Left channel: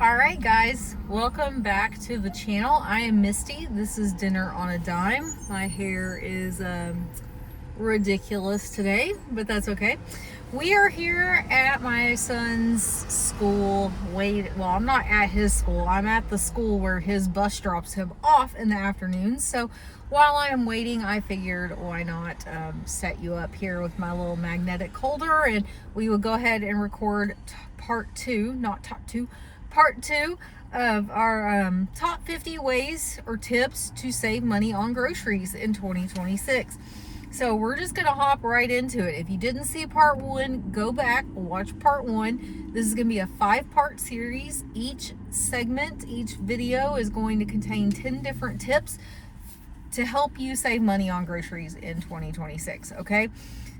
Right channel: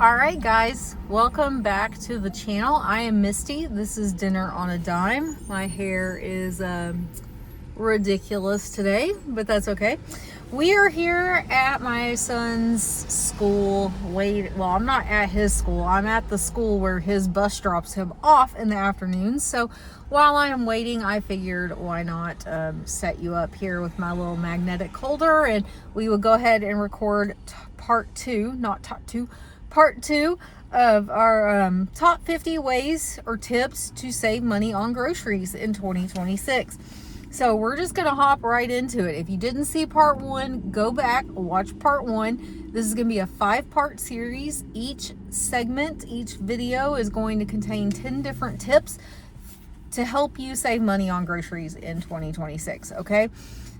All right, guys, welcome back to the channel. I am Misty. This is Dinner on a Dime. My hair is ridiculous today, but that's okay. We are here at my son's school. Well, I'm not at his school. I'm at the school where his bus drops him off in the afternoon. So while I am waiting, I figured why not set you up here with my little magnetic holder, and we will go ahead and record part two of our top 50 ways or tips to save money on groceries in 2026. So we're just going to hop right into it. If you didn't see part one, go back, watch part one. This is going to be a 5-part series. Each segment, each video is going to contain 10 different tips to help you save money on groceries in 2026, okay?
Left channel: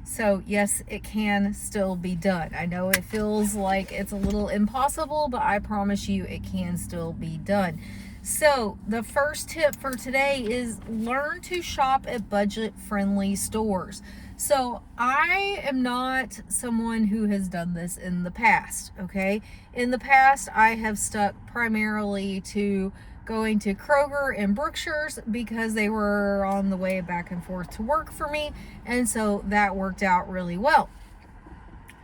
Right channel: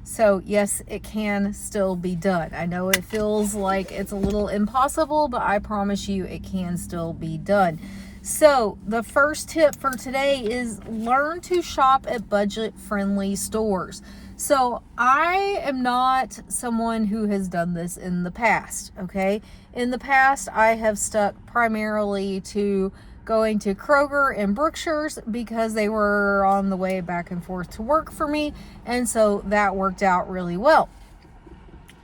So yes, it can still be done. I know it feels like it's a little impossible, but I promise you it can still be done. So the first tip for today is learn to shop at budget-friendly stores. So I am not someone who has done this in the past, okay? In the past, I have stuck primarily to going to Kroger and Brookshire's because they were on the way back and forth to work for me, and so that worked out really well.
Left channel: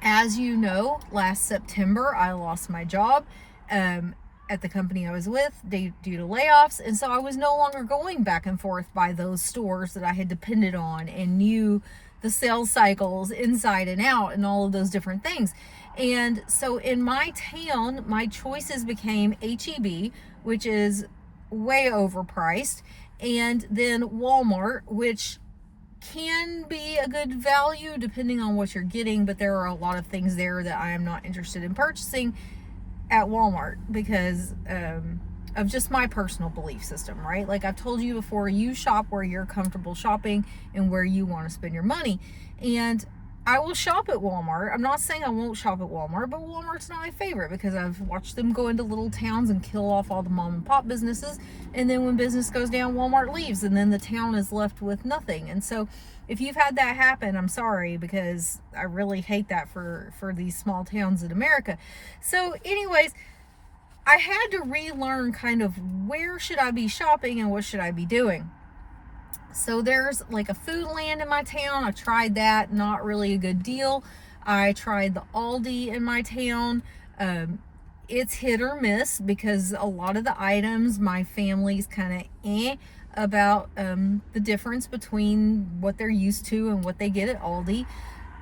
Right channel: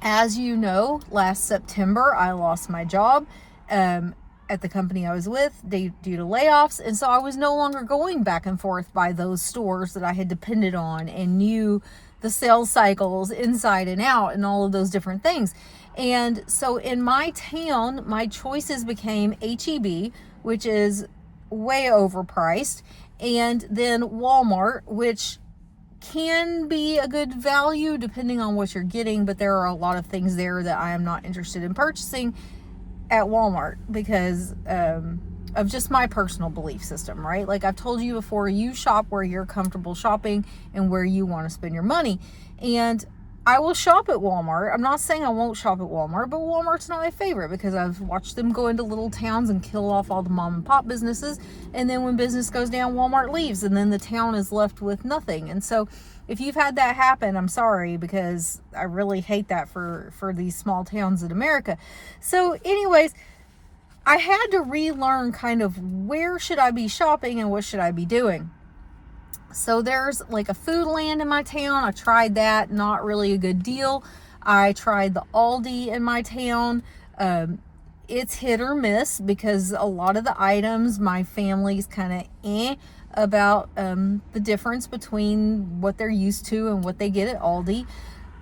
As you know, last September I lost my job at the company I was with due to layoffs, and so I was no longer going back and forth by those stores that I had depended on and knew the sales cycles inside and out and all of those different things. And so in my town, my choices became H-E-B, which is way overpriced, and then Walmart, which can be a good value depending on what you're getting, but there are a lot of things there that I am not interested in purchasing at Walmart because of just my personal belief system, right? Like I've told you before, you shop where you're comfortable shopping and where you want to spend your money. And I will shop at Walmart. I'm not saying I won't shop at Walmart, but Walmart's not my favorite because I've watched them go into little towns and kill off all the mom and pop businesses. And then when business goes down, Walmart leaves and then the town is left with nothing. And so if you've had that happen, I'm sorry, because I really hate that for these small towns in America. So anyways, I had to relearn kind of where should I be shopping and what should I be doing. So there's like a Foodland in my town. I tried that, not really a good deal. I tried the Aldi in my town. It's hit or miss because a lot of the items my family's kind of about the difference between what they're used to and what they get at Aldi.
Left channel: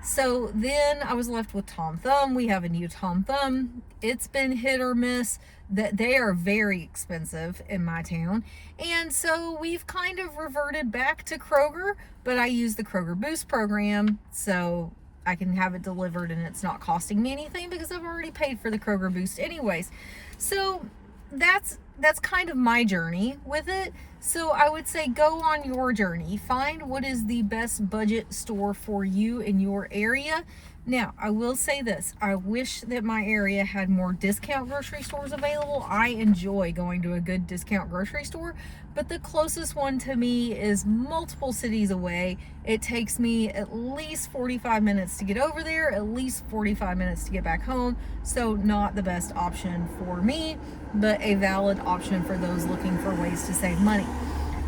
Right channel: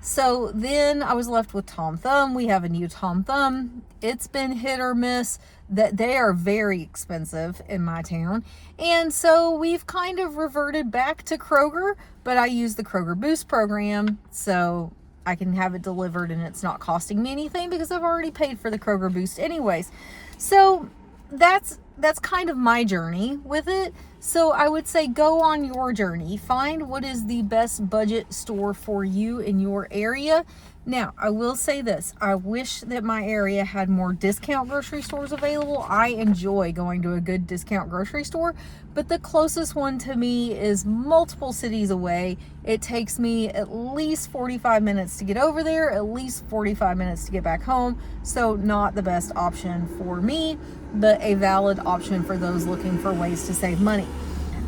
So then I was left with Tom Thumb. We have a new Tom Thumb. It's been hit or miss. That they are very expensive in my town. And so we've kind of reverted back to Kroger, but I use the Kroger Boost program so I can have it delivered and it's not costing me anything because I've already paid for the Kroger Boost anyways. So that's kind of my journey with it. So I would say go on your journey. Find what is the best budget store for you in your area. Now, I will say this. I wish that my area had more discount grocery stores available. I enjoy going to a good discount grocery store, but the closest one to me is multiple cities away. It takes me at least 45 minutes to get over there, at least 45 minutes to get back home. So not the best option for me, but a valid option for those looking for ways to save money.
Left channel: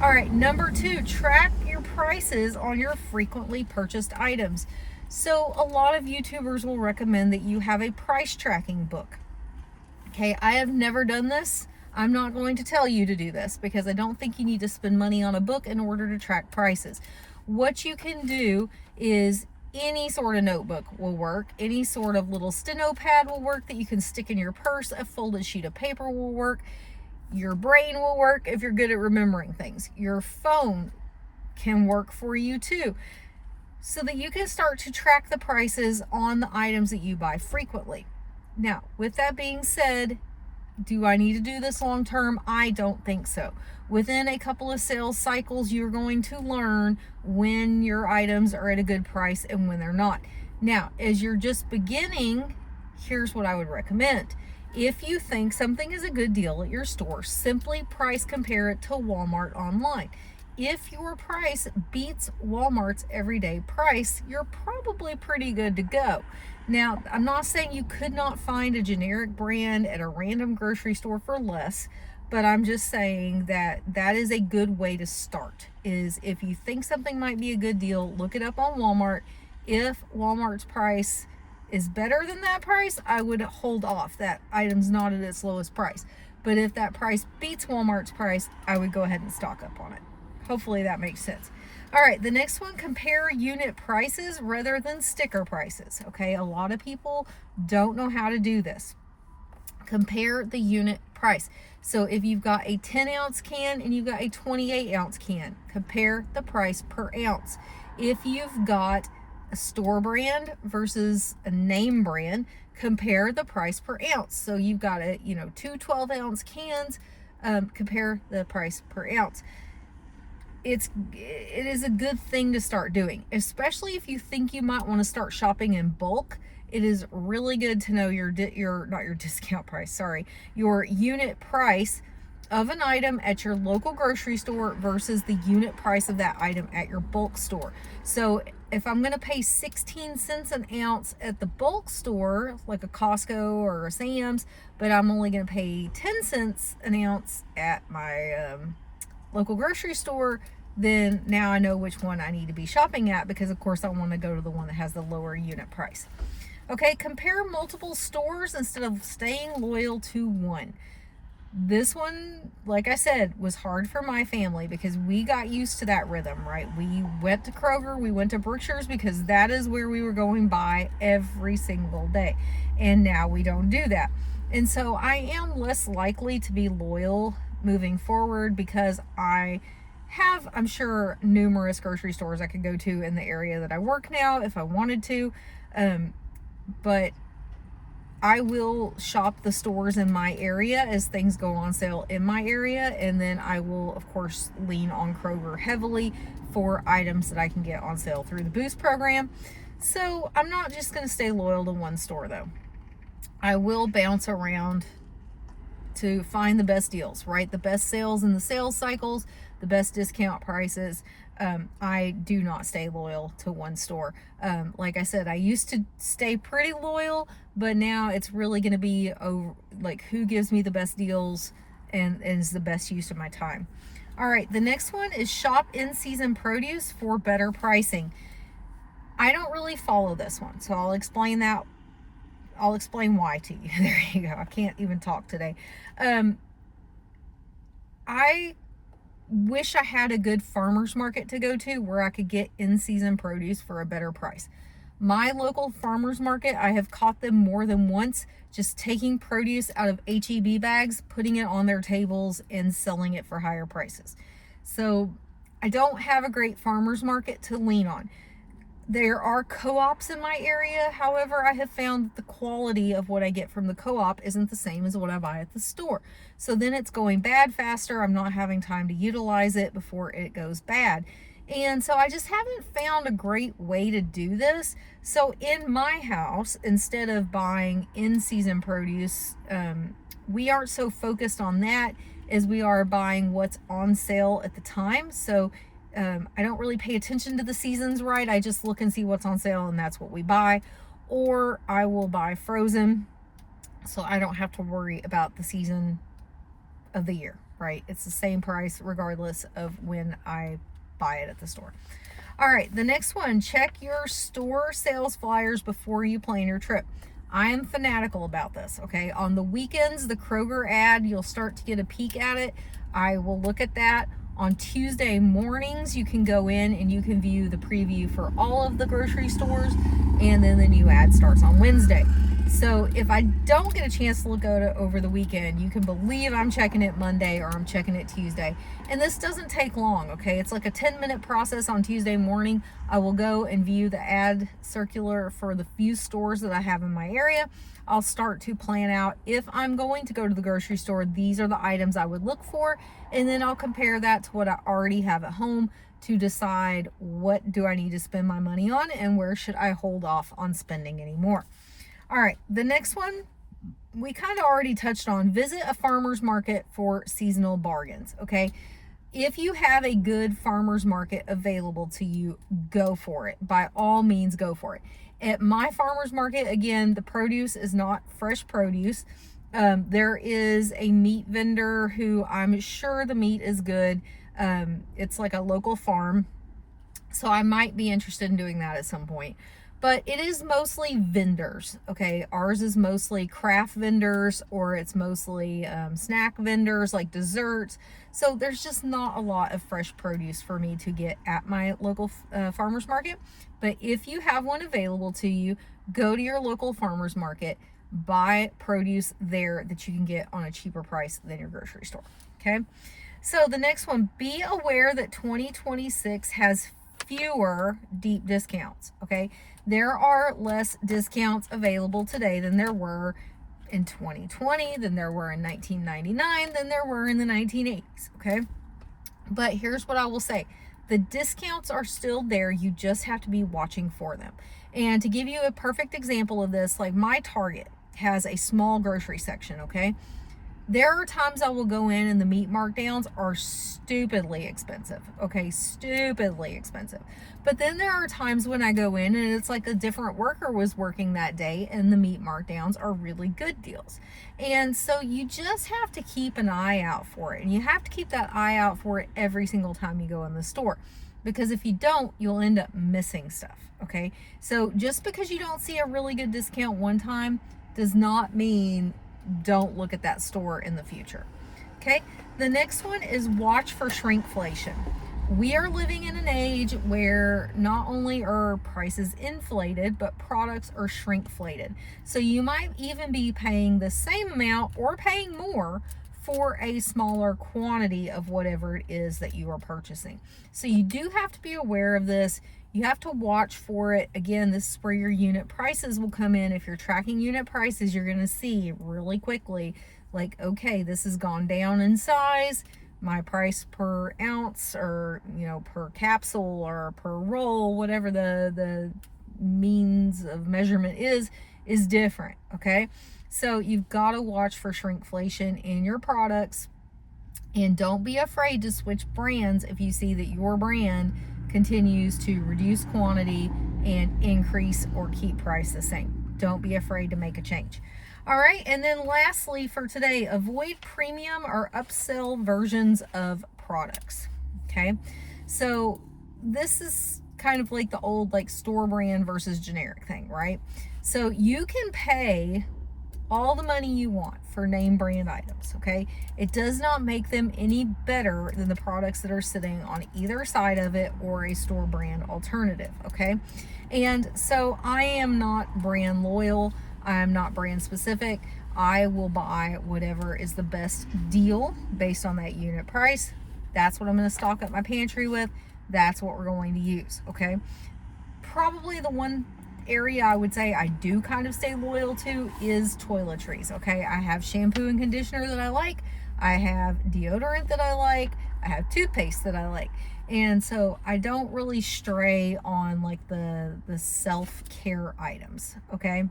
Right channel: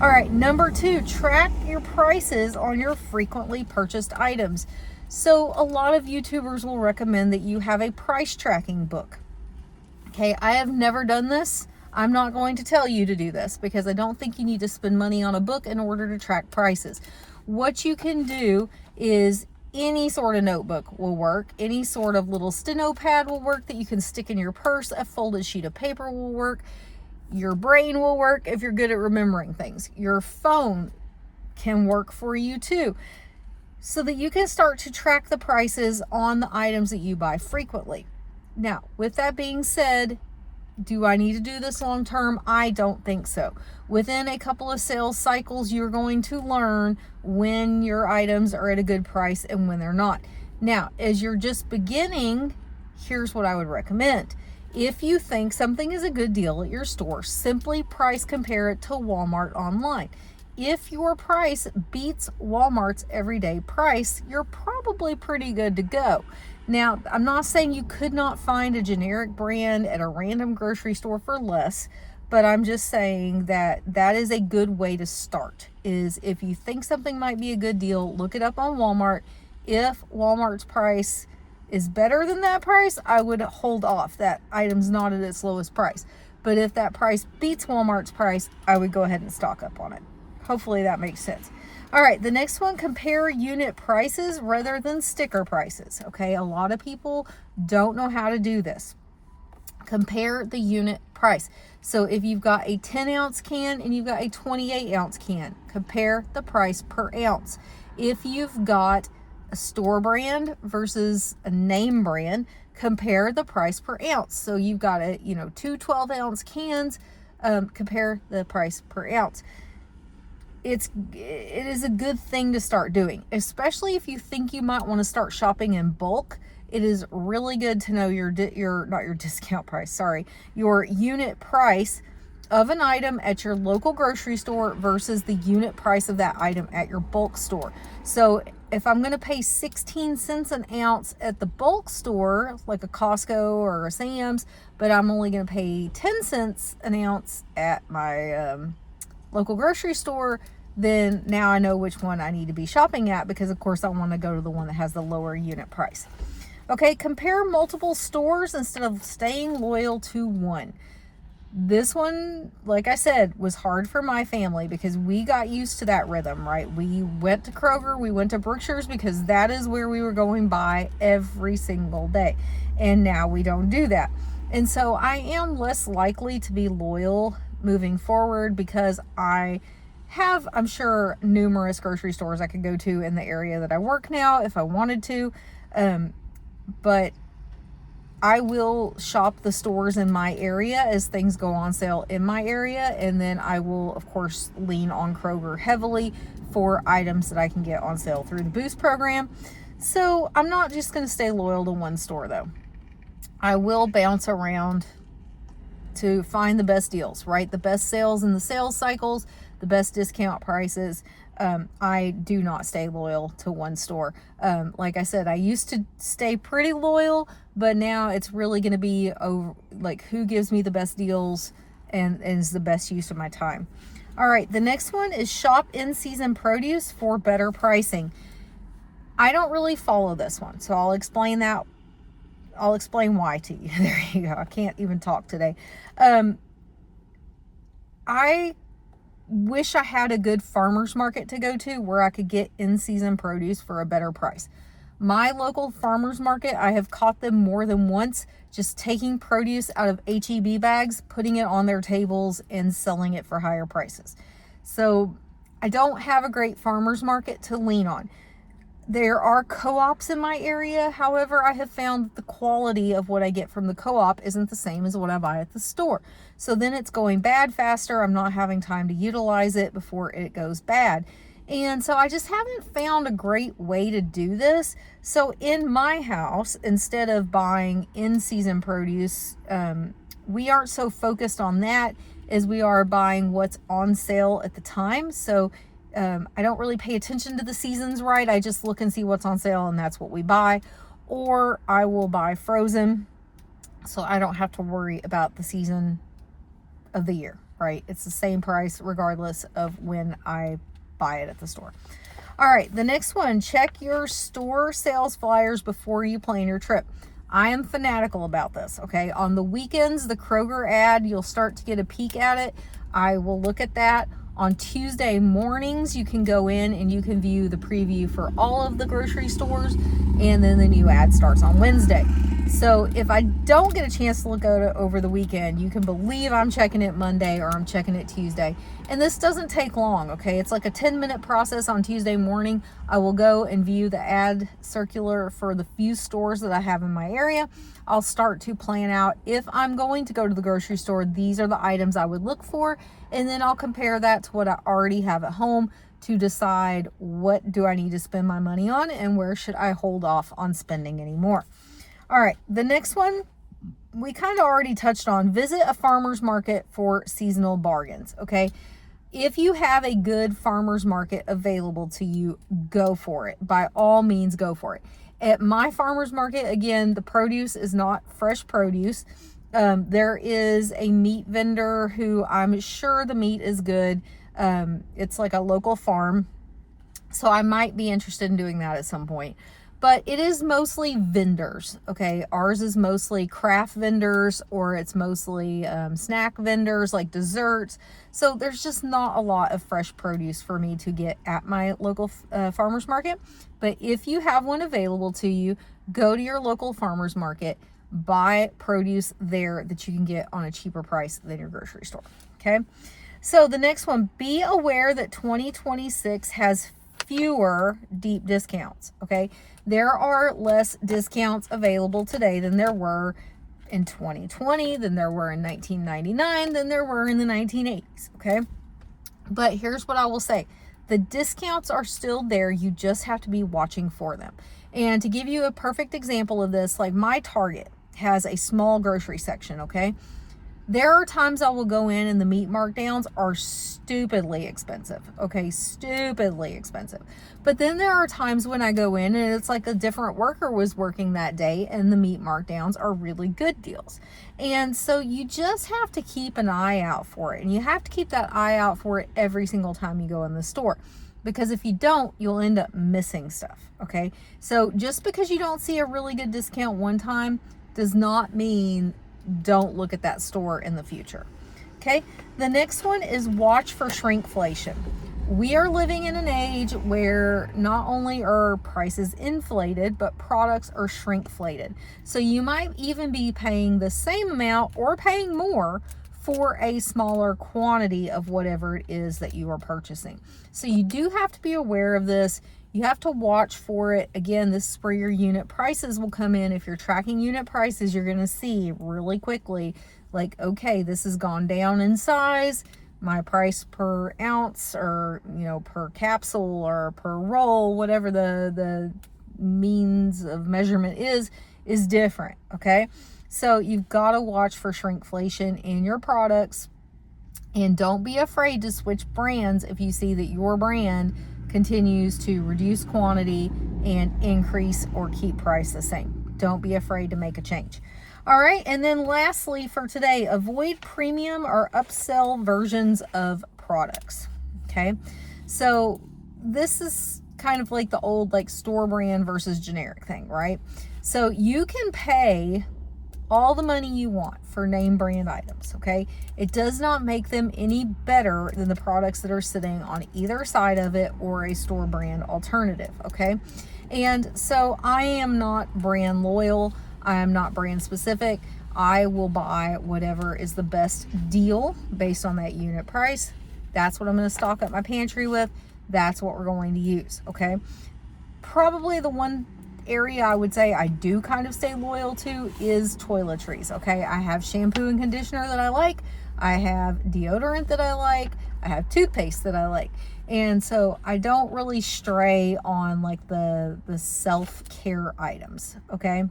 All right, number 2, track your prices on your frequently purchased items. So a lot of YouTubers will recommend that you have a price tracking book. Okay, I have never done this. I'm not going to tell you to do this because I don't think you need to spend money on a book in order to track prices. What you can do is any sort of notebook will work. Any sort of little steno pad will work that you can stick in your purse. A folded sheet of paper will work. Your brain will work if you're good at remembering things. Your phone can work for you too, so that you can start to track the prices on the items that you buy frequently. Now, with that being said, do I need to do this long term? I don't think so. Within a couple of sales cycles, you're going to learn when your items are at a good price and when they're not. Now, as you're just beginning, here's what I would recommend. If you think something is a good deal at your store, simply price compare it to Walmart online. If your price beats Walmart's everyday price, you're probably pretty good to go. Now, I'm not saying you could not find a generic brand at a random grocery store for less, but I'm just saying that that is a good way to start. Is if you think something might be a good deal, look it up on Walmart. If Walmart's price is better than that price, I would hold off. That item's not at its lowest price. But if that price beats Walmart's price, I would go ahead and stock up on it. Hopefully that makes sense. All right, the next one, compare unit prices rather than sticker prices. Okay, a lot of people don't know how to do this. Compare the unit price. So if you've got a 10-ounce can and you've got a 28-ounce can, compare the price per ounce. If you've got a store brand versus a name brand, compare the price per ounce. So you've got two 12-ounce cans, compare the price per ounce. It is a good thing to start doing, especially if you think you might want to start shopping in bulk. It is really good to know your discount price, sorry, your unit price of an item at your local grocery store versus the unit price of that item at your bulk store. So if I'm going to pay 16 cents an ounce at the bulk store, like a Costco or a Sam's, but I'm only going to pay 10 cents an ounce at my local grocery store, then now I know which one I need to be shopping at, because of course I want to go to the one that has the lower unit price. Okay, compare multiple stores instead of staying loyal to one. This one, like I said, was hard for my family because we got used to that rhythm, right? We went to Kroger, we went to Brookshires because that is where we were going by every single day. And now we don't do that. And so I am less likely to be loyal moving forward because I have, I'm sure, numerous grocery stores I could go to in the area that I work now if I wanted to. But I will shop the stores in my area as things go on sale in my area. And then I will, of course, lean on Kroger heavily for items that I can get on sale through the Boost program. So I'm not just going to stay loyal to one store, though. I will bounce around to find the best deals, right? The best sales in the sales cycles, the best discount prices. I do not stay loyal to one store. Like I said, I used to stay pretty loyal, but now it's really going to be over, like, who gives me the best deals and is the best use of my time. All right, the next one is shop in-season produce for better pricing. I don't really follow this one, so I'll explain that. I'll explain why to you. There you go. I can't even talk today. I wish I had a good farmer's market to go to where I could get in-season produce for a better price. My local farmer's market, I have caught them more than once just taking produce out of HEB bags, putting it on their tables and selling it for higher prices. So I don't have a great farmer's market to lean on. There are co-ops in my area. However, I have found that the quality of what I get from the co-op isn't the same as what I buy at the store. So then it's going bad faster. I'm not having time to utilize it before it goes bad. And so I just haven't found a great way to do this. So in my house, instead of buying in-season produce, we aren't so focused on that as we are buying what's on sale at the time. So I don't really pay attention to the seasons, right? I just look and see what's on sale and that's what we buy. Or I will buy frozen so I don't have to worry about the season of the year, right? It's the same price regardless of when I buy it at the store. All right, the next one, check your store sales flyers before you plan your trip. I am fanatical about this, okay? On the weekends, the Kroger ad, you'll start to get a peek at it. I will look at that. On Tuesday mornings, you can go in and you can view the preview for all of the grocery stores, and then the new ad starts on Wednesday. So if I don't get a chance to look at it over the weekend, you can believe I'm checking it Monday or I'm checking it Tuesday. And this doesn't take long, okay? It's like a 10-minute process on Tuesday morning. I will go and view the ad circular for the few stores that I have in my area. I'll start to plan out, if I'm going to go to the grocery store, these are the items I would look for, and then I'll compare that to what I already have at home to decide what do I need to spend my money on and where should I hold off on spending anymore. All right, the next one we kind of already touched on. Visit a farmer's market for seasonal bargains, okay? If you have a good farmer's market available to you, go for it. By all means, go for it. At my farmer's market, again, the produce is not fresh produce. There is a meat vendor who I'm sure the meat is good. It's like a local farm, so I might be interested in doing that at some point. But it is mostly vendors, okay? Ours is mostly craft vendors, or it's mostly snack vendors like desserts. So there's just not a lot of fresh produce for me to get at my local farmer's market. But if you have one available to you, go to your local farmer's market, buy produce there that you can get on a cheaper price than your grocery store, okay? So the next one, be aware that 2026 has fewer deep discounts, okay? There are less discounts available today than there were in 2020, than there were in 1999, than there were in the 1980s, okay? But here's what I will say. The discounts are still there. You just have to be watching for them. And to give you a perfect example of this, like my Target has a small grocery section, okay? There are times I will go in and the meat markdowns are stupidly expensive, okay? Stupidly expensive. But then there are times when I go in and it's like a different worker was working that day and the meat markdowns are really good deals. And so you just have to keep an eye out for it. And you have to keep that eye out for it every single time you go in the store. Because if you don't, you'll end up missing stuff, okay? So just because you don't see a really good discount one time does not mean don't look at that store in the future. Okay, the next one is watch for shrinkflation. We are living in an age where not only are prices inflated, but products are shrinkflated. So you might even be paying the same amount or paying more for a smaller quantity of whatever it is that you are purchasing. So you do have to be aware of this. You have to watch for it. Again, this is where your unit prices will come in. If you're tracking unit prices, you're going to see really quickly, like, okay, this has gone down in size. My price per ounce, or, you know, per capsule or per roll, whatever the means of measurement is different, okay? So you've got to watch for shrinkflation in your products, and don't be afraid to switch brands if you see that your brand continues to reduce quantity and increase or keep price the same. Don't be afraid to make a change. All right, and then lastly for today, avoid premium or upsell versions of products, okay? So this is kind of like the old like store brand versus generic thing, right? So you can pay all the money you want for name brand items, okay? It does not make them any better than the products that are sitting on either side of it or a store brand alternative, okay? And so I am not brand loyal. I am not brand specific. I will buy whatever is the best deal based on that unit price. That's what I'm going to stock up my pantry with. That's what we're going to use, okay? Probably the one area I would say I do kind of stay loyal to is toiletries, okay? I have shampoo and conditioner that I like. I have deodorant that I like. I have toothpaste that I like. And so I don't really stray on like the self-care items, okay?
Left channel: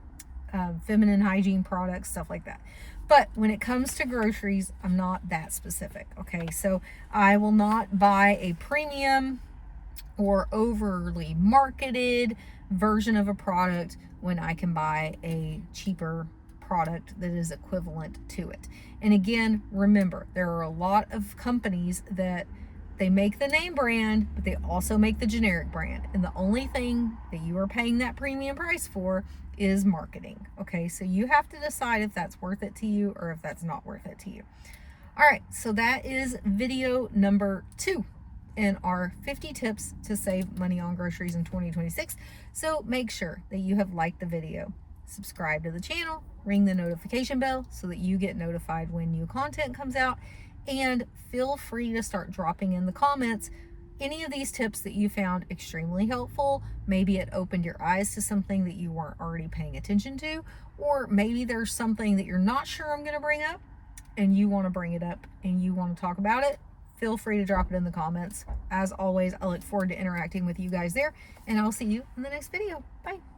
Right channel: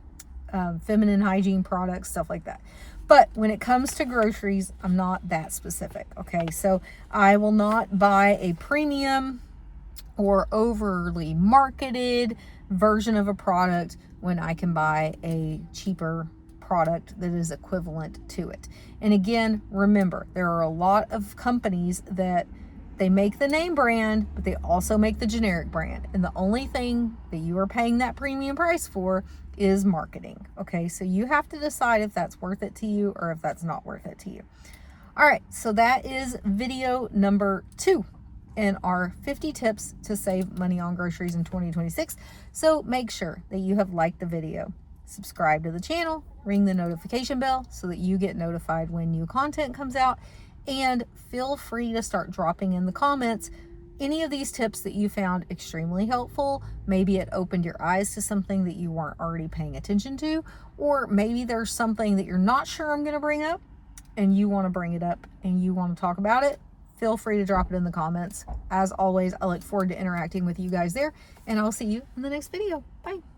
Feminine hygiene products, stuff like that. But when it comes to groceries, I'm not that specific, okay? So I will not buy a premium or overly marketed version of a product when I can buy a cheaper product that is equivalent to it. And again, remember, there are a lot of companies that they make the name brand, but they also make the generic brand. And the only thing that you are paying that premium price for is marketing. Okay, so you have to decide if that's worth it to you or if that's not worth it to you. All right, so that is video number 2 in our 50 tips to save money on groceries in 2026. So make sure that you have liked the video, subscribe to the channel, ring the notification bell so that you get notified when new content comes out, and feel free to start dropping in the comments any of these tips that you found extremely helpful. Maybe it opened your eyes to something that you weren't already paying attention to, or maybe there's something that you're not sure I'm going to bring up and you want to bring it up and you want to talk about it. Feel free to drop it in the comments. As always, I look forward to interacting with you guys there, and I'll see you in the next video. Bye.